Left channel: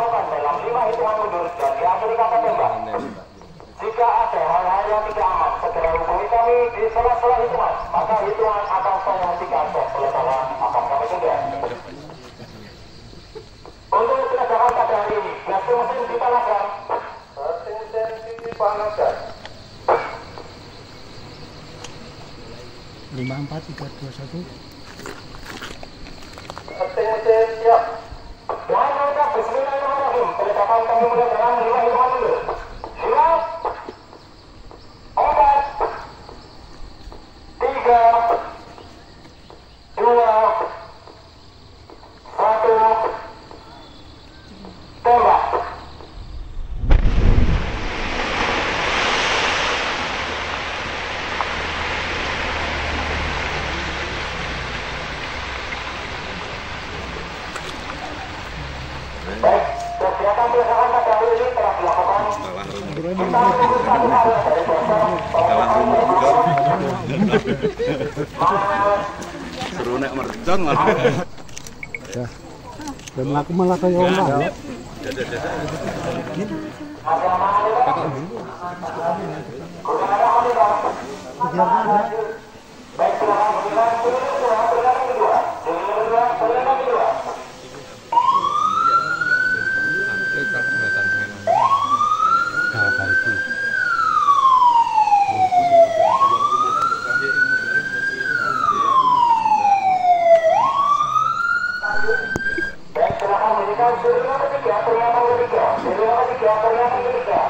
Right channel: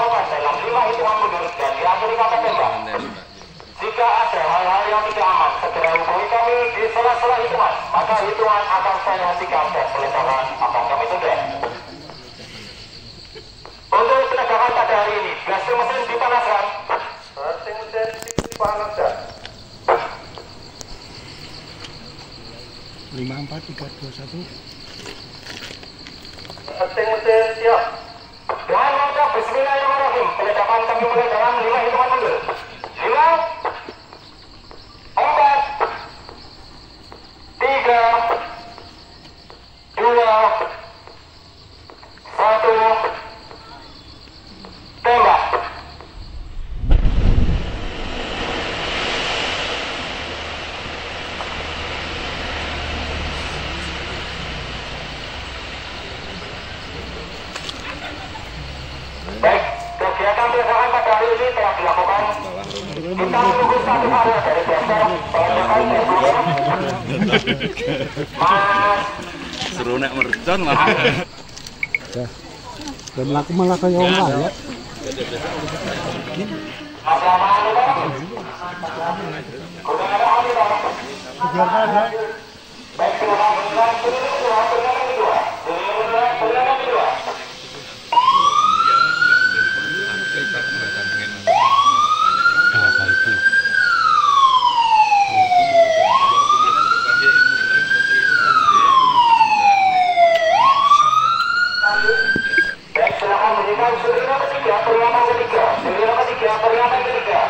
dilakukan dalam 5 hitungan mundur dan diakhiri kata tembak. Jika ada hal-hal yang tidak aman, segera hubungi kami di sela-sela hitungan. Maka hitungan akan saya hentikan dan peledakan akan kami tunda. Untuk peledakan pada hari ini, blasting mesin dipanaskan. Blasting mesin dipanaskan. 5, 4, 3, 2, 1. Blasting mesin siap. Dengan mengucap bismillahirrahmanirrahim, peledakan kami mulai dalam 5 hitungan mundur. 5, 4, 3, 2, 1, tembak. Baik, kegiatan peledakan pada hari ini telah dilakukan. Kita menunggu satu hari dari besok peledakan Mas. Seru nek mercon Mas. Ya. Dan laku malah kayak orang ya. Apa itu? Baik, silakan bunyikan sirine ketiga, peringatan ketiga. Sirine ketiga, peringatan ketiga.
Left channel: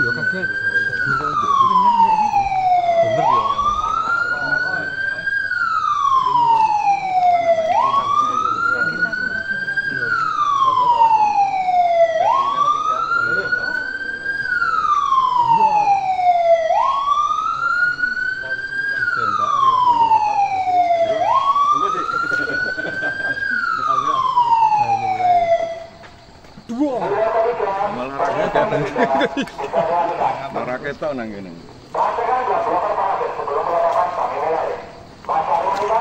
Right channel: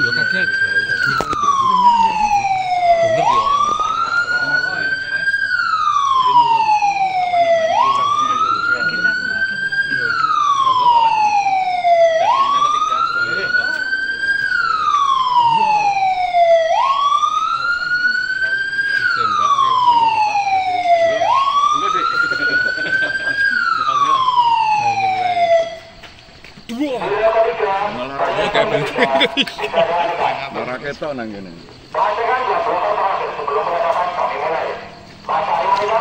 Yo kaget. Bener yo. Raketan nang ngene. Pastikan belakang terakhir sebelum peledakan kami mulai. Mas Arimanita,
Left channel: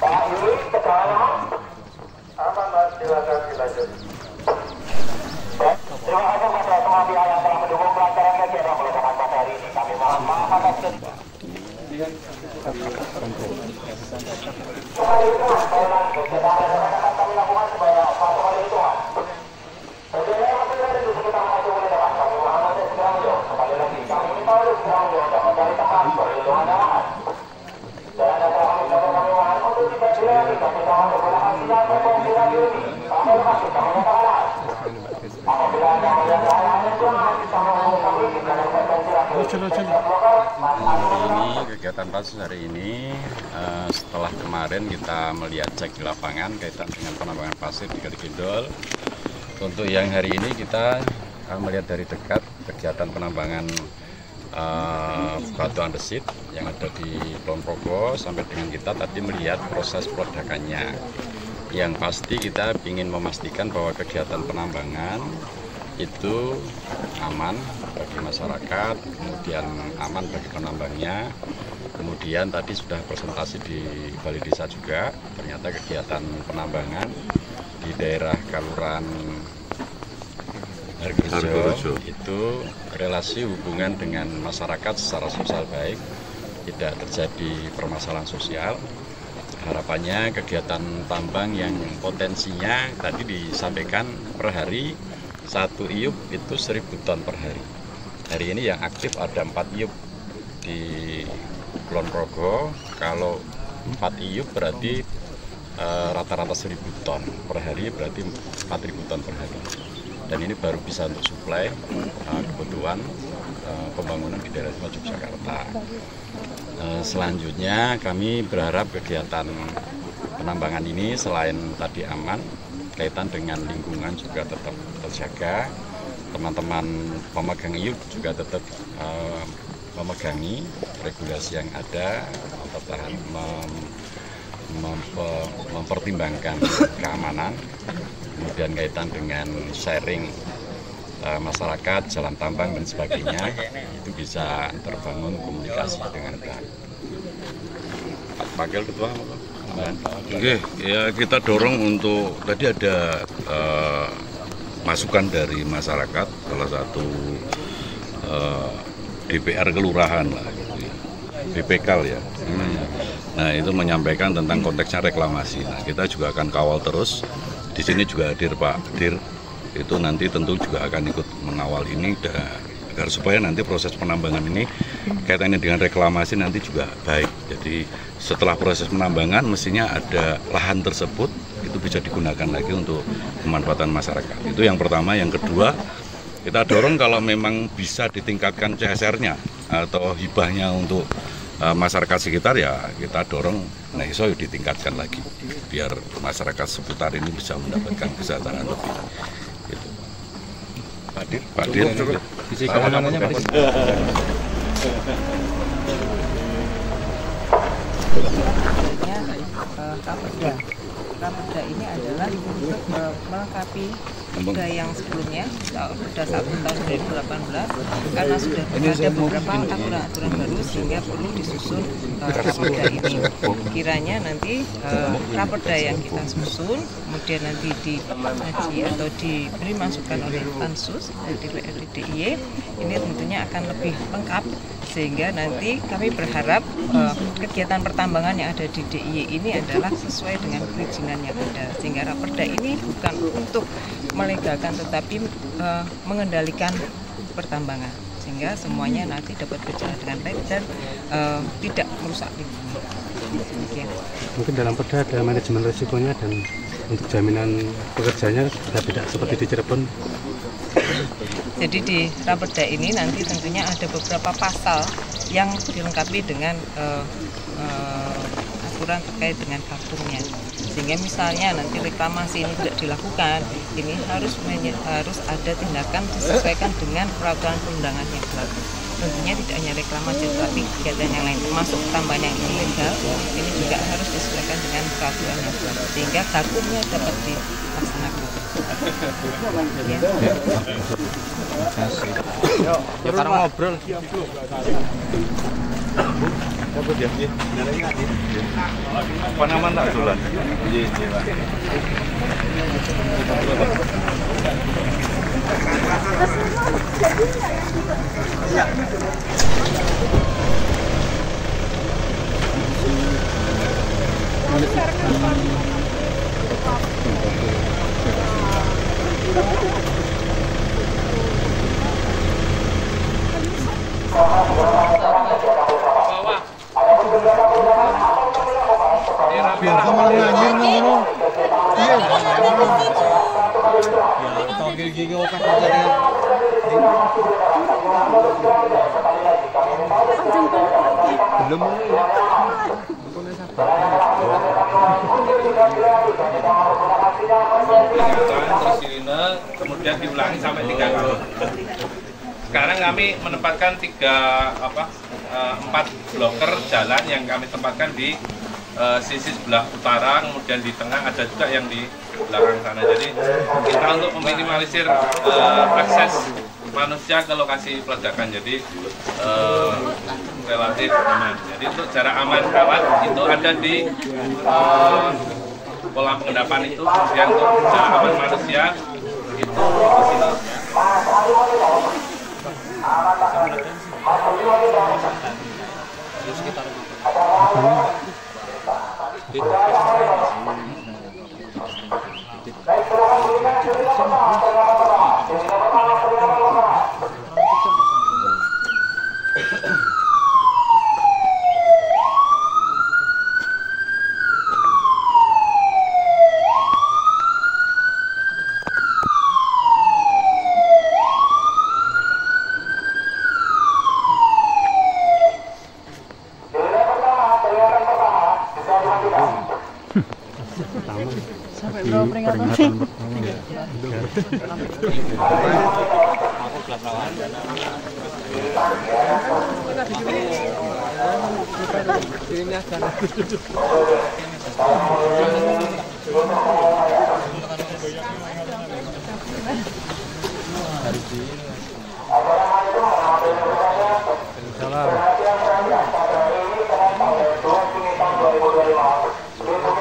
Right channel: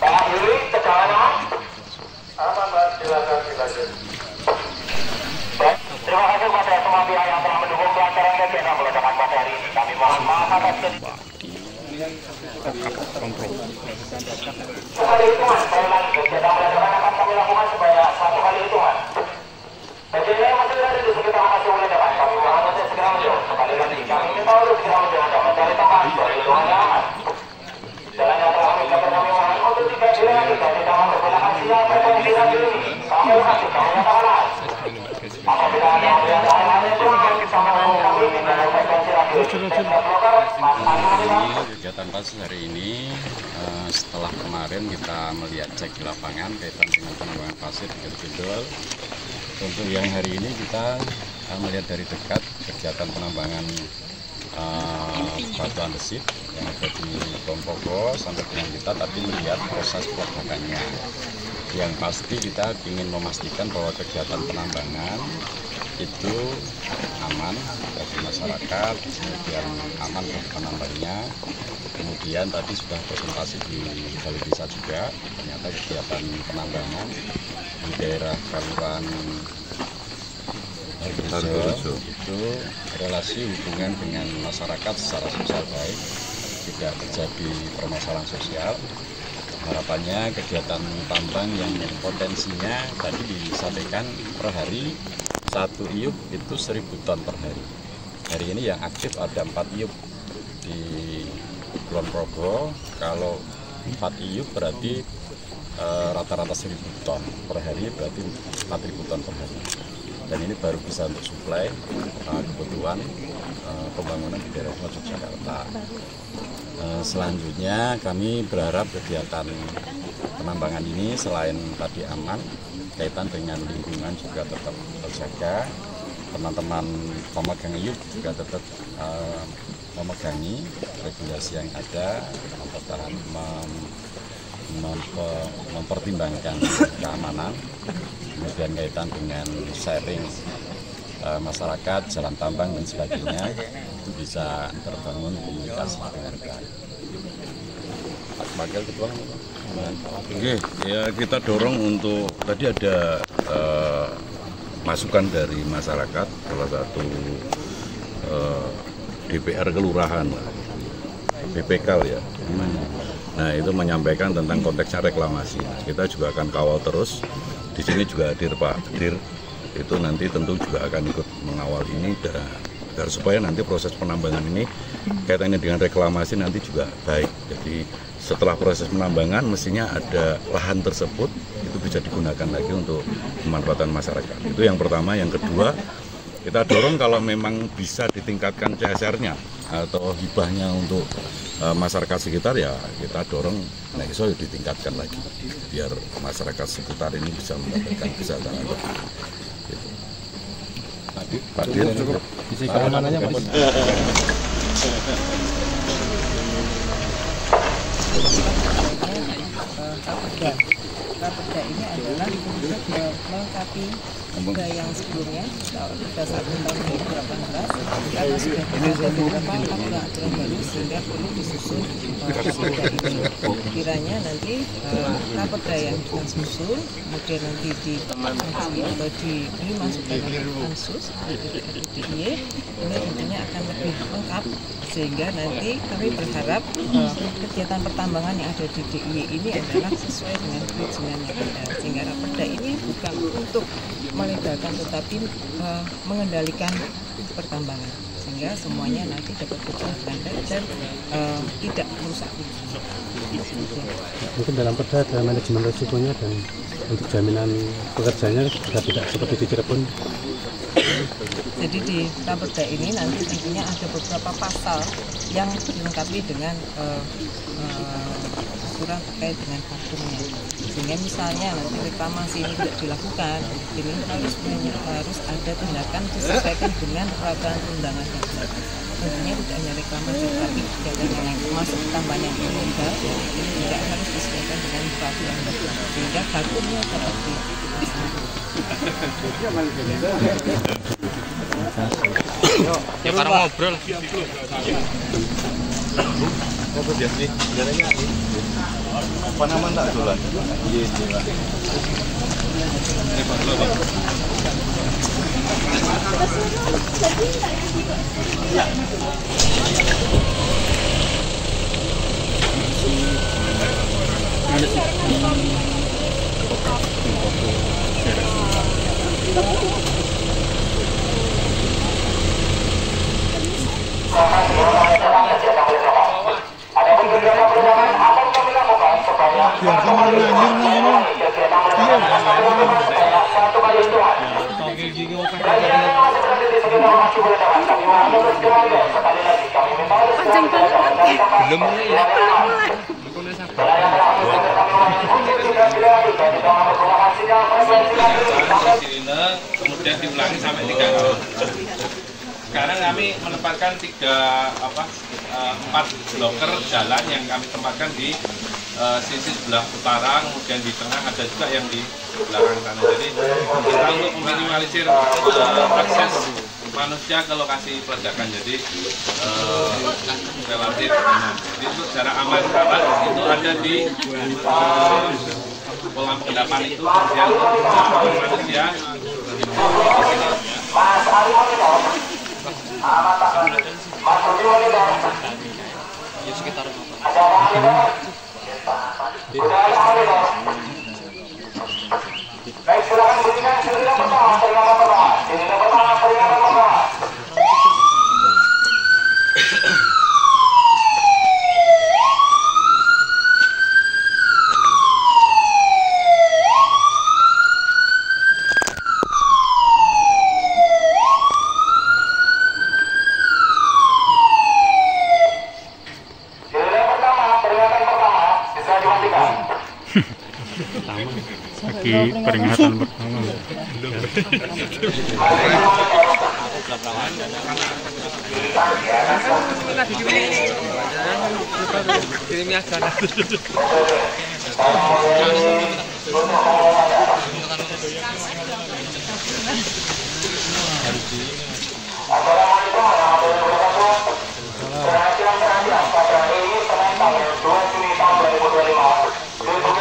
Pak Yuri, tegangan aman? Aman, Mas. Silakan dilanjut. Baik, terima kasih kepada semua pihak yang telah mendukung kelancaran kegiatan peledakan pada hari ini. Kami mohon maaf atas sekali hitungan, saya ulangi, kegiatan peledakan akan kami lakukan sebanyak 1 kali hitungan. Sejauh masih ada di sekitar lokasi peledakan, kami mohon untuk segera menjauh. Sekali lagi, kami minta untuk segera menjauh dan mencari tempat perlindungan yang aman. Jalan yang telah kami siapkan kami mohon untuk tidak dilalui dan tidak mempergunakan sinyal frekuensi radio ini sampai lokasi kami nyatakan lahir. Apabila ada melihat hal-hal yang kurang, kita menghubungi kami di dalam frekuensi radio ini. Ini kegiatan pasus hari ini setelah kemarin kita melihat cek di lapangan kaitan dengan penambangan pasir di Kalikidul. Untuk yang hari ini kita melihat dari dekat kegiatan penambangan batu andesit yang ada di Ponorogo sampai dengan kita tadi melihat proses peledakannya. Yang pasti kita ingin memastikan bahwa kegiatan penambangan itu aman bagi masyarakat, kemudian aman bagi penambangnya. Kemudian tadi sudah presentasi di Balai Desa juga, ternyata kegiatan penambangan di daerah Kelurahan Hargorejo itu relasi hubungan dengan masyarakat secara sosial baik, tidak terjadi permasalahan sosial. Harapannya kegiatan tambang yang potensinya tadi disampaikan per hari 1 iup itu 1000 ton per hari. Hari ini yang aktif ada 4 iup di Kulon Progo. Kalau 4 iup berarti rata-rata 1000 ton per hari, berarti 4000 ton per hari. Dan ini baru bisa untuk suplai kebutuhan pembangunan di daerah Yogyakarta. Selanjutnya kami berharap kegiatan penambangan ini selain tadi aman, kaitan dengan lingkungan juga tetap terjaga. Teman-teman pemegang iup juga tetap memegangi regulasi yang ada, mempertimbangkan keamanan, kemudian kaitan dengan sharing masyarakat, jalan tambang dan sebagainya, itu bisa terbangun komunikasi dengan baik. Pak Wakil Ketua, Oke, ya kita dorong untuk tadi ada masukan dari masyarakat, salah satu DPR kelurahan lah, BPK ya namanya. Nah itu menyampaikan tentang konteksnya reklamasi. Nah kita juga akan kawal terus. Di sini juga hadir Pak Dir, itu nanti tentu juga akan ikut mengawal ini agar supaya nanti proses penambangan ini kaitannya dengan reklamasi nanti juga baik. Jadi setelah proses penambangan mestinya ada lahan tersebut itu bisa digunakan lagi untuk pemanfaatan masyarakat. Itu yang pertama. Yang kedua, kita dorong kalau memang bisa ditingkatkan CSR-nya atau hibahnya untuk masyarakat sekitar, ya kita dorong iso ditingkatkan lagi biar masyarakat seputar ini bisa mendapatkan kesejahteraan lebih. Gitu. Pak Dir, Raperda ini adalah untuk melengkapi perda yang sebelumnya, Perda 1 tahun 2018, karena sudah ada beberapa aturan baru sehingga perlu disusun Raperda ini. Kiranya nanti Raperda yang kita susun, kemudian nanti dikaji atau diberi masukan oleh Pansus DIY, ini tentunya akan lebih lengkap, sehingga nanti kami berharap kegiatan pertambangan yang ada di DIY ini adalah sesuai dengan perizinan yang ada, sehingga Raperda ini bukan untuk melegalkan tetapi mengendalikan pertambangan, sehingga semuanya nanti dapat berjalan dengan baik dan tidak merusak lingkungan. Mungkin dalam perda ada manajemen risikonya dan untuk jaminan pekerjaannya sudah tidak seperti di Cirebon. Jadi di Raperda ini nanti tentunya ada beberapa pasal yang dilengkapi dengan aturan terkait dengan vakumnya, sehingga misalnya nanti reklamasi ini tidak dilakukan, ini harus ada tindakan disesuaikan dengan peraturan perundangan yang berlaku. Tentunya tidak hanya reklamasi tetapi kegiatan yang lain termasuk tambahan yang ilegal ini juga harus disesuaikan dengan peraturan yang berlaku sehingga vakumnya dapat dilaksanakan. Ya karena ngobrol. apa nama tak dolan? Belum mulai ya. Kemudian diulangi sampai 3 kali. Sekarang kami menempatkan 4 bloker jalan yang kami tempatkan di sisi sebelah utara, kemudian di tengah, ada juga yang di belakang sana. Jadi kita untuk meminimalisir akses manusia ke lokasi peledakan, jadi relatif aman. Jadi untuk jarak aman kawan itu ada di kolam pengendapan itu, kemudian untuk jarak aman manusia itu di sini. Sekitar baik, silakan berikan sirine pertama, peringatan pertama. Sirine pertama, peringatan pertama. Sirine pertama, peringatan pertama, bisa dimatikan. Lagi peringatan pertama. Kirimnya sana. Assalamualaikum warahmatullahi wabarakatuh. Perhatian pada hari ini Senin tanggal 2 Juni tahun 2025.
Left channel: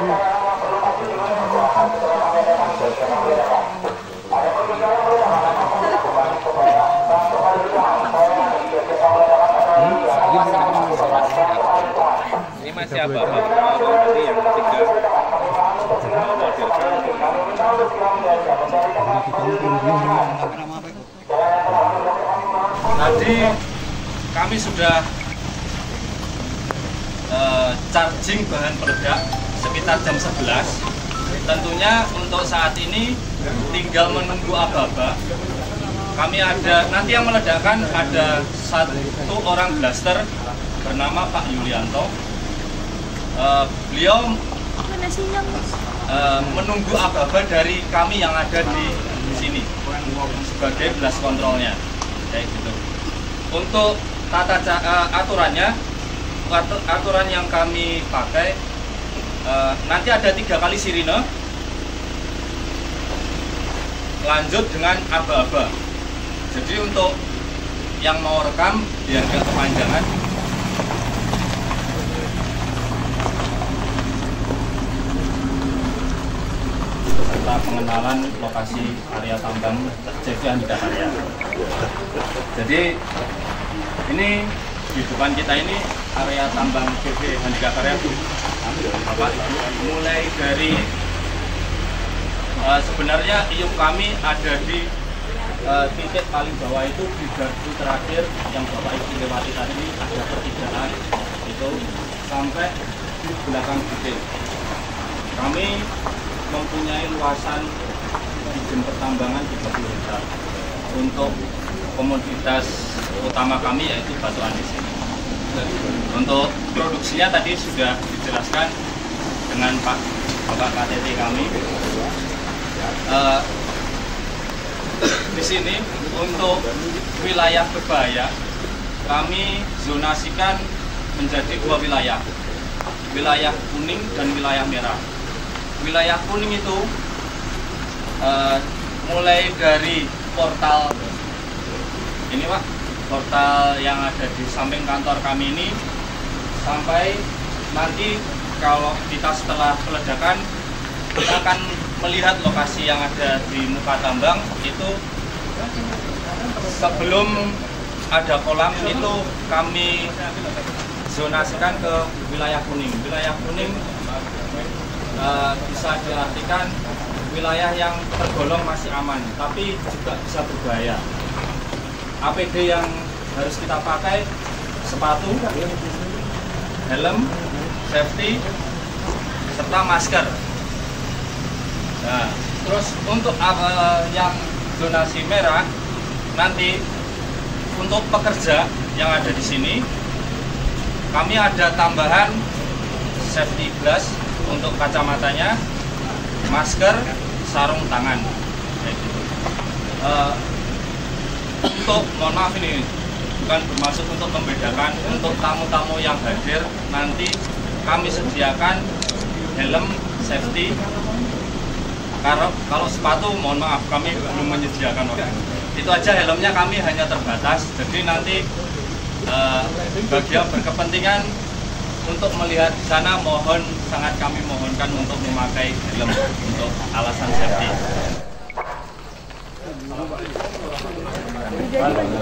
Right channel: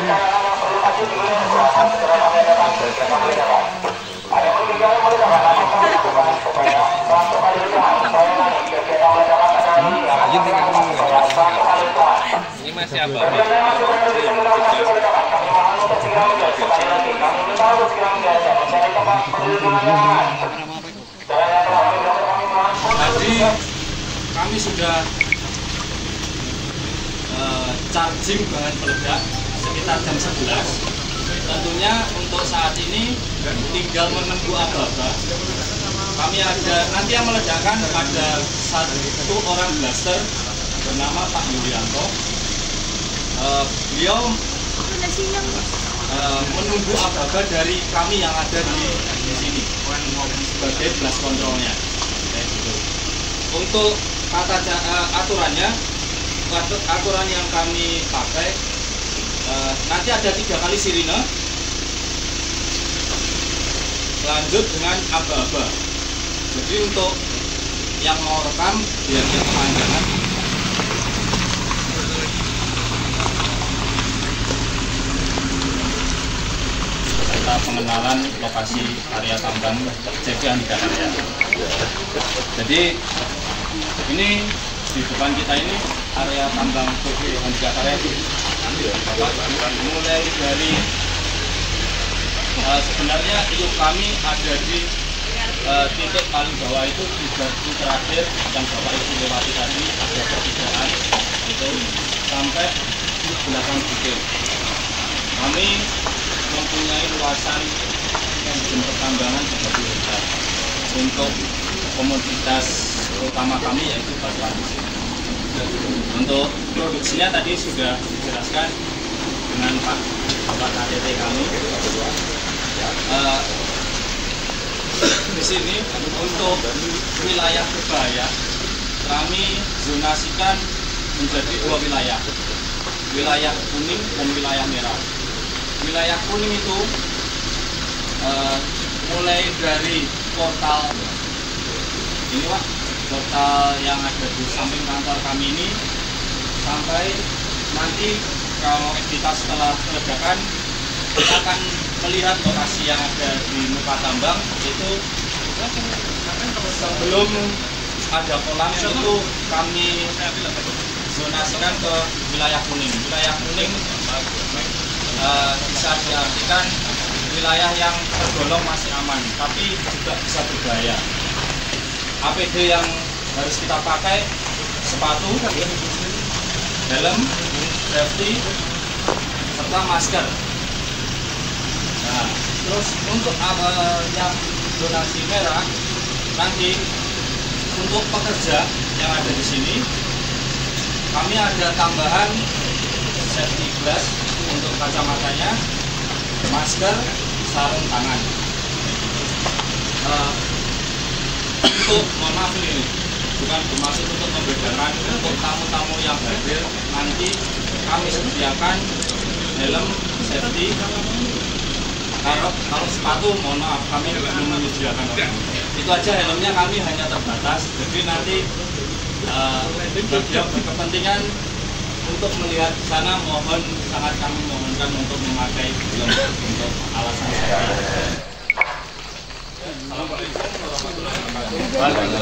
segera kembali dapat. Ada pergeseran mulai dapat dapat kami lakukan supaya satu kali hitungan. Saya ulangi, kegiatan mulai dapat kembali yang akan kami lakukan supaya satu kali hitungan. Ini masih apa? Bagi Anda yang masih berada di sekitar lokasi mulai dapat, kami mohon untuk segera menjauh. Sekali lagi, kami minta untuk segera menjauh dan mencari tempat perlindungan yang aman. Jalan yang telah kami berikan kami mohon. Tadi kami sudah charging bahan peledak sekitar jam 11. Tentunya untuk saat ini tinggal menunggu aba-aba. Kami nanti yang meledakkan ada satu orang blaster bernama Pak Yulianto. Beliau menunggu aba-aba dari kami yang ada di sini sebagai blast kontrolnya, kayak gitu. Untuk aturan yang kami pakai, nanti ada 3 kali sirine, lanjut dengan aba-aba. Jadi untuk yang mau rekam biar dia kepanjangan, serta pengenalan lokasi area tambang JV Handika Karya. Jadi ini di depan kita ini area tambang JV Handika Karya. Bapak, mulai dari sebenarnya iup kami ada di titik paling bawah itu di gardu terakhir yang Bapak Ibu lewati tadi, ada pertigaan itu sampai di belakang bukit. Kami mempunyai luasan izin pertambangan 30 hektar untuk komoditas utama kami yaitu batu andesit. Untuk produksinya tadi sudah dijelaskan dengan Bapak KTT kami. Di sini untuk wilayah berbahaya kami zonasikan menjadi 2 wilayah, wilayah kuning dan wilayah merah. Wilayah kuning itu mulai dari portal ini Pak, portal yang ada di samping kantor kami ini sampai nanti kalau kita setelah peledakan kita akan melihat lokasi yang ada di muka tambang itu sebelum ada kolam itu kami zonasikan ke wilayah kuning. Wilayah kuning bisa diartikan wilayah yang tergolong masih aman, tapi juga bisa berbahaya. APD yang harus kita pakai sepatu, helm, safety, serta masker. Nah, terus untuk yang zonasi merah nanti untuk pekerja yang ada di sini kami ada tambahan safety glass untuk kacamatanya, masker, sarung tangan. Untuk mohon maaf ini bukan bermaksud untuk membedakan, untuk tamu-tamu yang hadir nanti kami sediakan helm safety. Kalau sepatu mohon maaf kami belum menyediakan. Itu aja, helmnya kami hanya terbatas. Jadi nanti bagi yang berkepentingan untuk melihat sana sangat kami mohonkan untuk memakai helm untuk alasan safety. Bagus.